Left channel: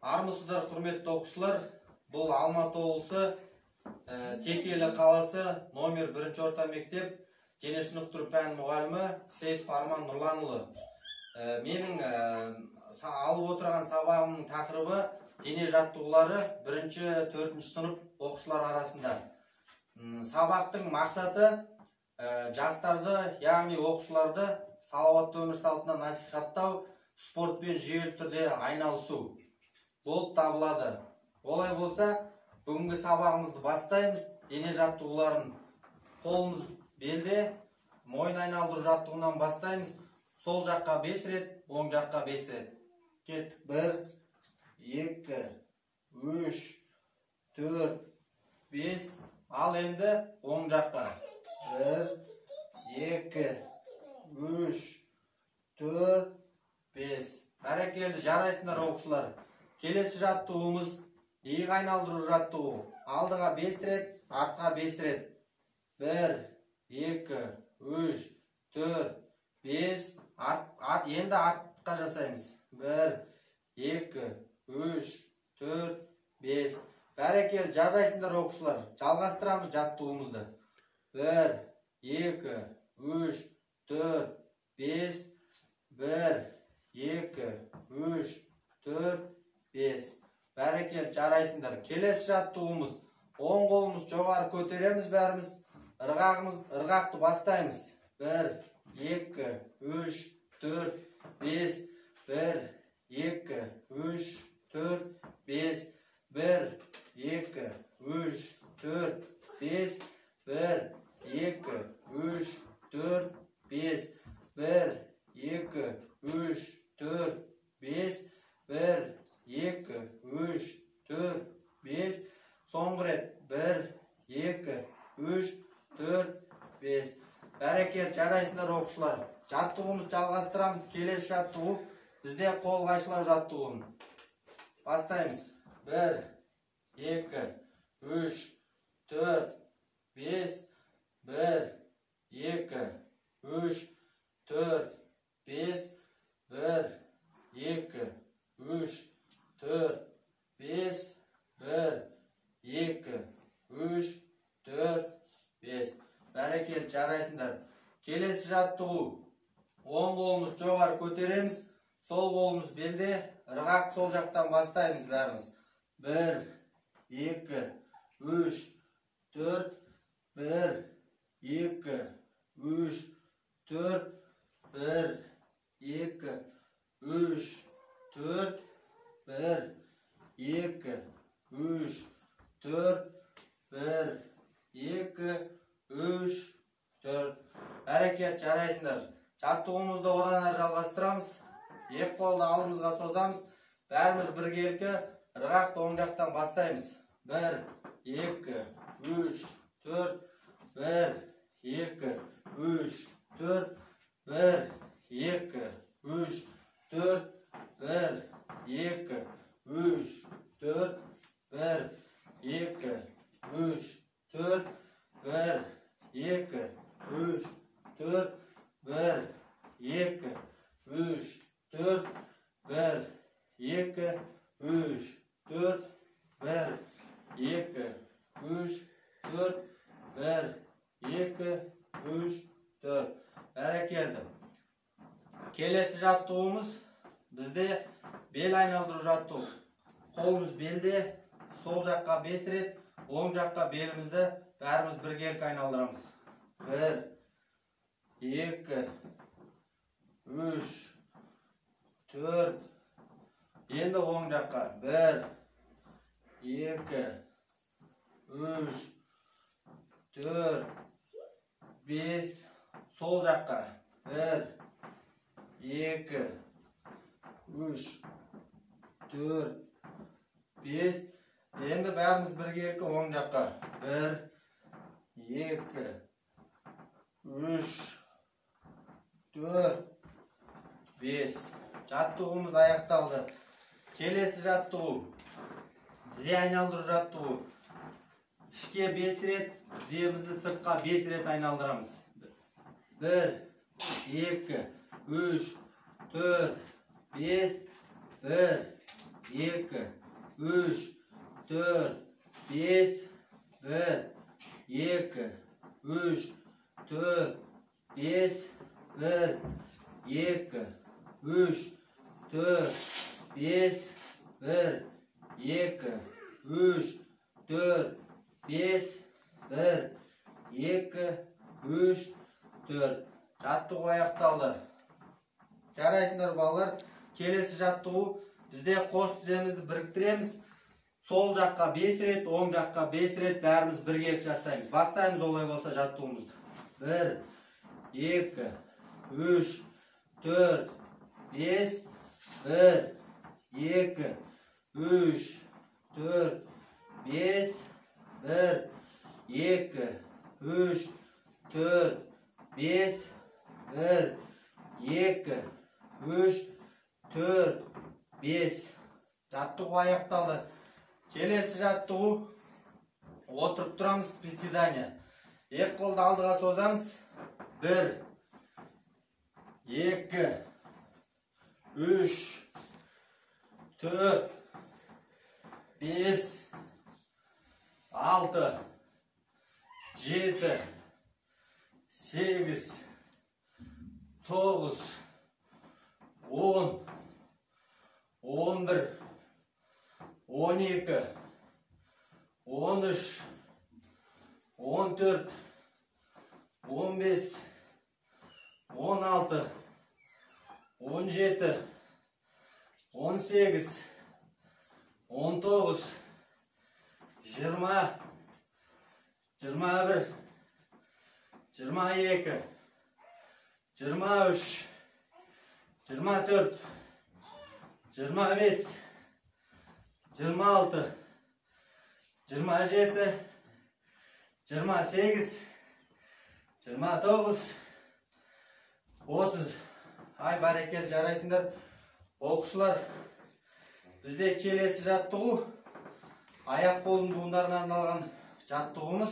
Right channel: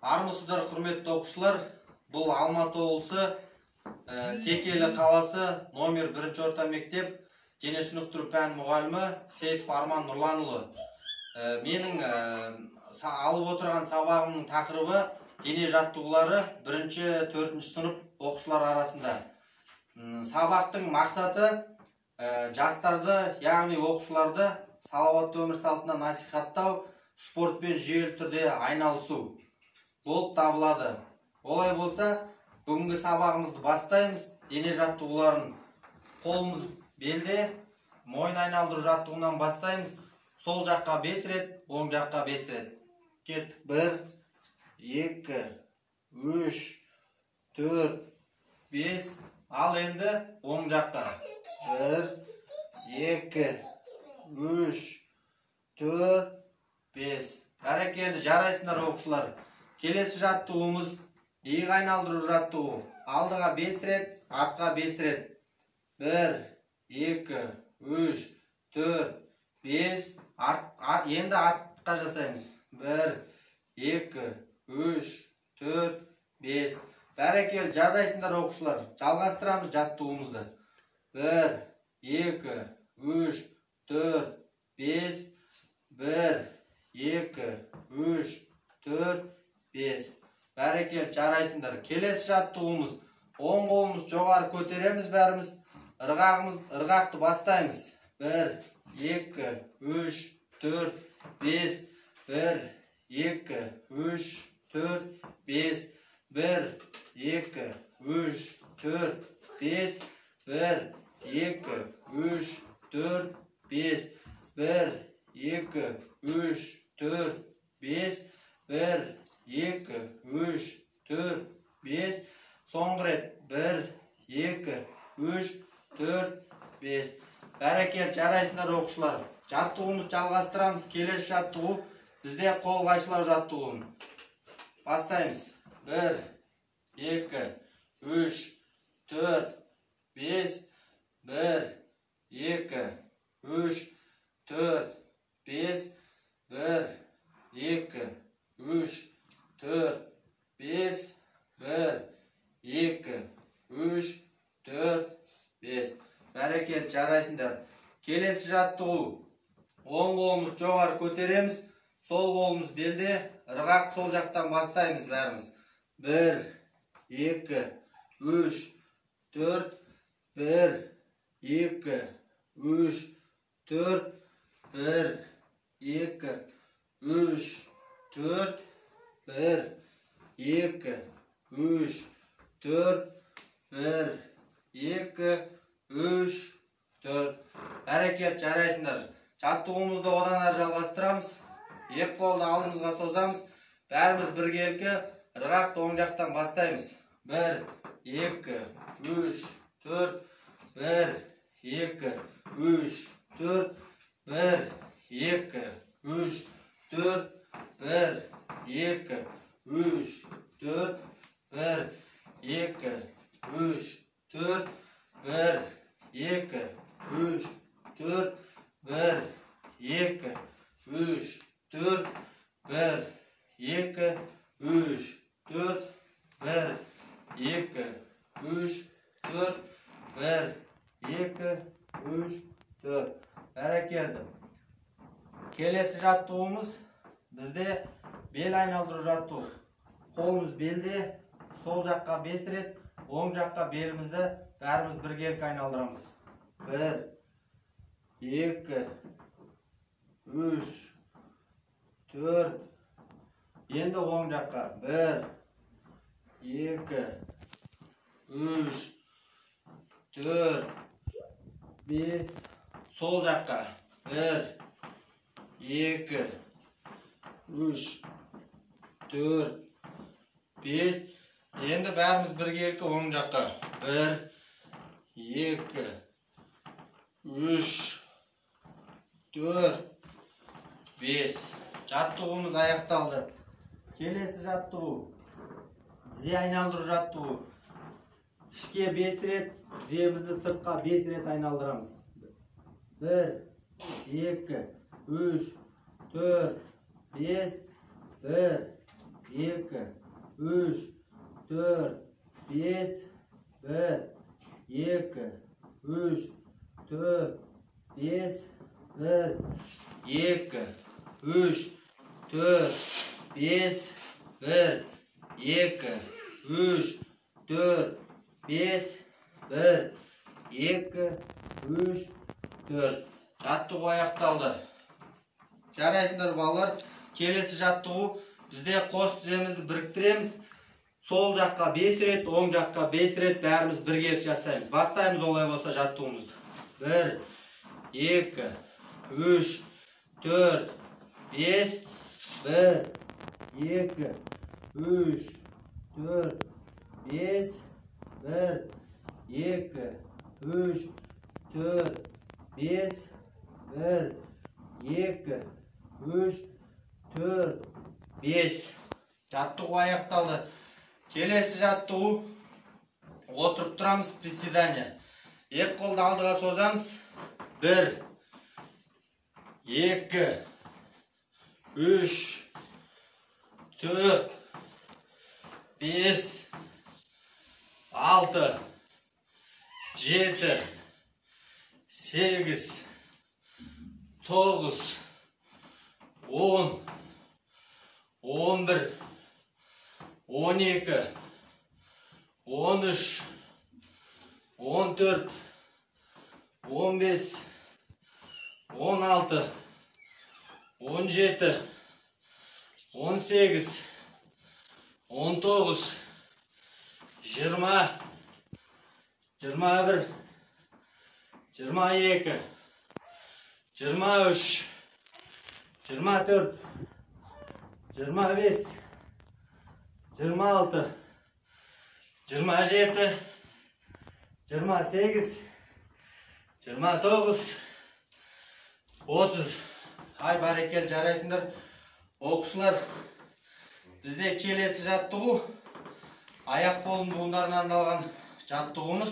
Армысыздар, құрметті оқушылар. Бұл Алматы облысы Текелі қаласы номер 1 орта мектеп дене шынықтыру пән мұғалімі Сейітов Арман Нұрланұлы. Менің алып отырған сабағымның тақырыбы дене жаттығулары 1-4 сынып оқушылар арасында. Сабақтың мақсаты жастарды, яғни оқушыларды салауатты өмір салтына насихаттау, спортпен жүйелі түрде айналысу болып табылады. Олай болса, бүгінгі сабағымызды бастаймыз. Дене жаттығуларын қолымыз белде, мойын айналдыру жаттығуынан бастаймыз. Сол жаққа 5 рет, оң жаққа 5 рет. Кеттік. 1, 2, 3, 4, 5. Ал енді оң жаққа. 1, 2, 3, 4, 5. Бәрекелді, жарайсыңдар оқушылар. Келесі жаттығуымыз иық айналдыру жаттығу. Алдыға 5 рет, артқа 5 рет. 1, 2, 3, 4, 5. Енді артқа жасаймыз. 1, 2, 3, 4, 5. Бәрекелді, жарайсыңдар оқушылар. Жалғастырамыз жаттығуымызды. 1, 2, 3, 4, 5. 1, 2, 3, 4, 5. Бәрекелді, жарайсыңдар. Келесі жаттығуымыз. Оң қолымыз жоғары көтереміз бәріміз. Ырғақты бастаймыз. 1, 2, 3, 4, 5. 1, 2, 3, 4, 5. 1, 2, 3, 4, 5. 1, 2, 3, 4, 5. 1, 2, 3, 4, 5. 1, 2, 3, 4, 5. Соңғы рет. 1, 2, 3, 4, 5. Бәрекелді, жарайсыңдар оқушылар. Жаттығуымызды жалғастырамыз. Келесі жаттығу бізде қол қайшылау жаттығуын. Бастаймыз. 1, 2, 3, 4, 5. 1, 2, 3, 4, 5. 1, 2, 3, 4, 5. 1, 2, 3, 4, 5. Бәрекелді, жарайсыңдар. Келесі жаттығу. Оң қолымыз жоғары көтереміз. Сол қолымыз белде. Ырғақ сол жақтан бастаймыз бәріміз. 1, 2, 3, 4. 1, 2, 3, 4. 1, 2, 3, 4. 1, 2, 3, 4. 1, 2, 3, 4. Әрекет, жарайсыңдар. Жаттығуымызды одан әрі жалғастырамыз. Екі қолды алдымызға созамыз. Бәріміз біркелкі ырғақты оң жақтан бастаймыз. 1, 2, 3, 4. 1, 2, 3, 4. 1, 2, 3, 4. 1, 2, 3, 4. 1, 2, 3, 4. 1, 2, 3, 4. 1, 2, 3, 4. 1, 2, 3, 4. 1, 2, 3, 4. 1, 2, 3, 4. Бәрекелді. Келесі жаттығуымыз бізде бел айналдыру жаттығу. Қолымыз белде, сол жаққа 5 рет, оң жаққа белімізді бәріміз біркелкі айналдырамыз. 1, 2, 3, 4. Енді оң жаққа. 1, 2, 3, 4, 5. Сол жаққа. 1, 2, 3, 4, 5. Енді бәріміз біркелкі оң жаққа. 1, 2, 3, 4, 5. Жаттығуымыз аяқталды. Келесі жаттығу. Тізе айналдыру жаттығу. Ішке 5 рет, тіземізді сыртқа 5 рет айналдырамыз. 1, 2, 3, 4, 5. 1, 2, 3, 4, 5, 1, 2, 3, 4, 5, 1, 2, 3, 4, 5, 1, 2, 3, 4, 5, 1, 2, 3, 4. Жаттығу аяқталды. Жарайсыңдар балалар. Келесі жаттығу бізде қос тіземізді біріктіреміз. Сол жаққа 5 рет, оң жаққа 5 рет бәріміз бірге жасаймыз. Бастаймыз олай болса жаттығуымызды. 1, 2, 3, 4, 5, 1, 2, 3, 4, 5, 1, 2, 3, 4, 5, 1, 2, 3, 4, 5. Жаттығу аяқталды. Келесі жаттығу отырып тұрамыз, приседания. Екі қолды алдыға созамыз. 1, 2, 3, 4, 5, 6, 7, 8, 9, 10, 11, 12, 13, 14, 15, 16, 17, 18, 19, 20, 21, 22, 23, 24, 25, 26, 27, 28, 29, 30. Ay бәрекел, жарайсыңдар. Оқушылар, бізде келесі жаттығу аяқ қолын буындарына арналған жаттығуымыз.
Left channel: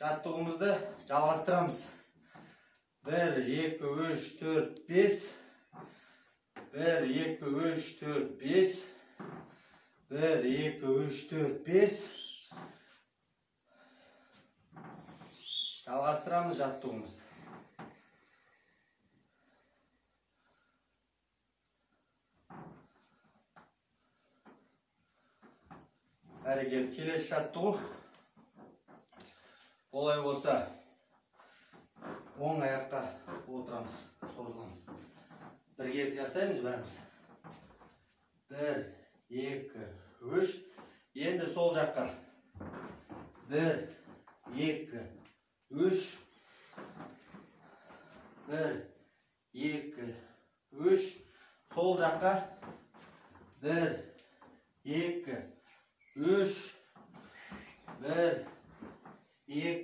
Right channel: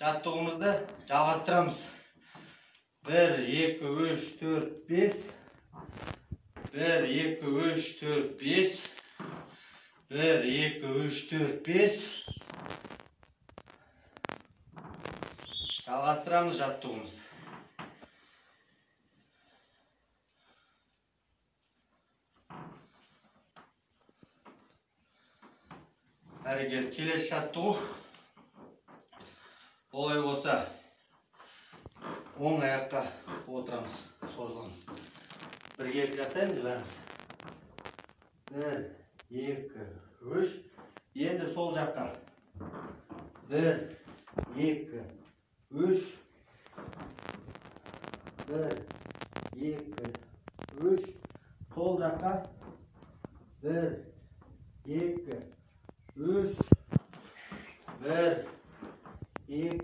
Жаттығуымызды жалғастырамыз. 1, 2, 3, 4, 5. 1, 2, 3, 4, 5. 1, 2, 3, 4, 5. Жалғастырамыз жаттығуымызды. Әрегел, келесі жаттығу. Олай болса, оң аяққа отырамыз, созыламыз. Бірге жасаймыз бәріміз. 1, 2, 3. Енді сол жаққа. 1, 2, 3. 1, 2, 3. Сол жаққа. 1, 2, 3. 1, 2,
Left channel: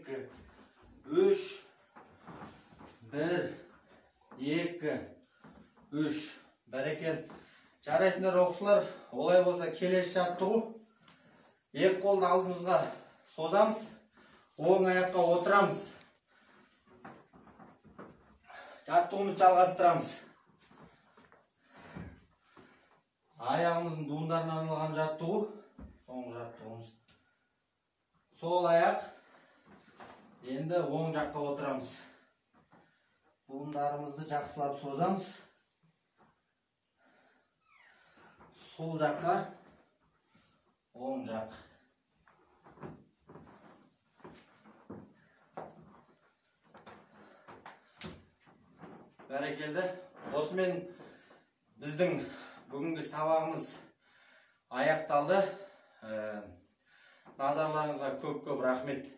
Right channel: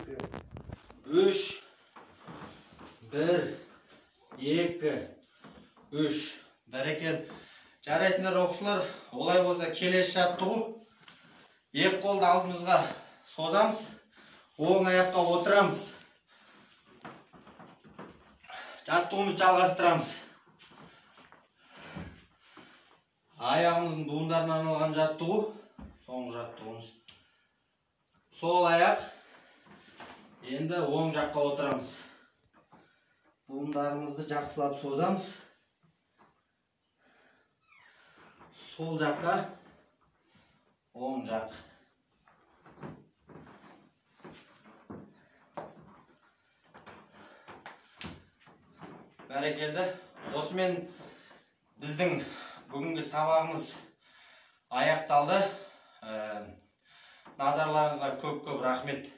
3. 1, 2, 3. Бәрекел. Жарайсыңдар оқушылар. Олай болса келесі жаттығу. Екі қолды алдымызға созамыз. Оң аяққа отырамыз. Жаттығуымызды жалғастырамыз. Аяғымыздың буындарына арналған жаттығу. Соңғы жаттығуымыз. Сол аяқ. Енді оң жаққа отырамыз. Буындарымызды жақсылап созамыз. Сол жаққа, оң жақ. Бәрекелді. Осымен біздің бүгінгі сабағымыз аяқталды. Назарларыңызға көп-көп рахмет.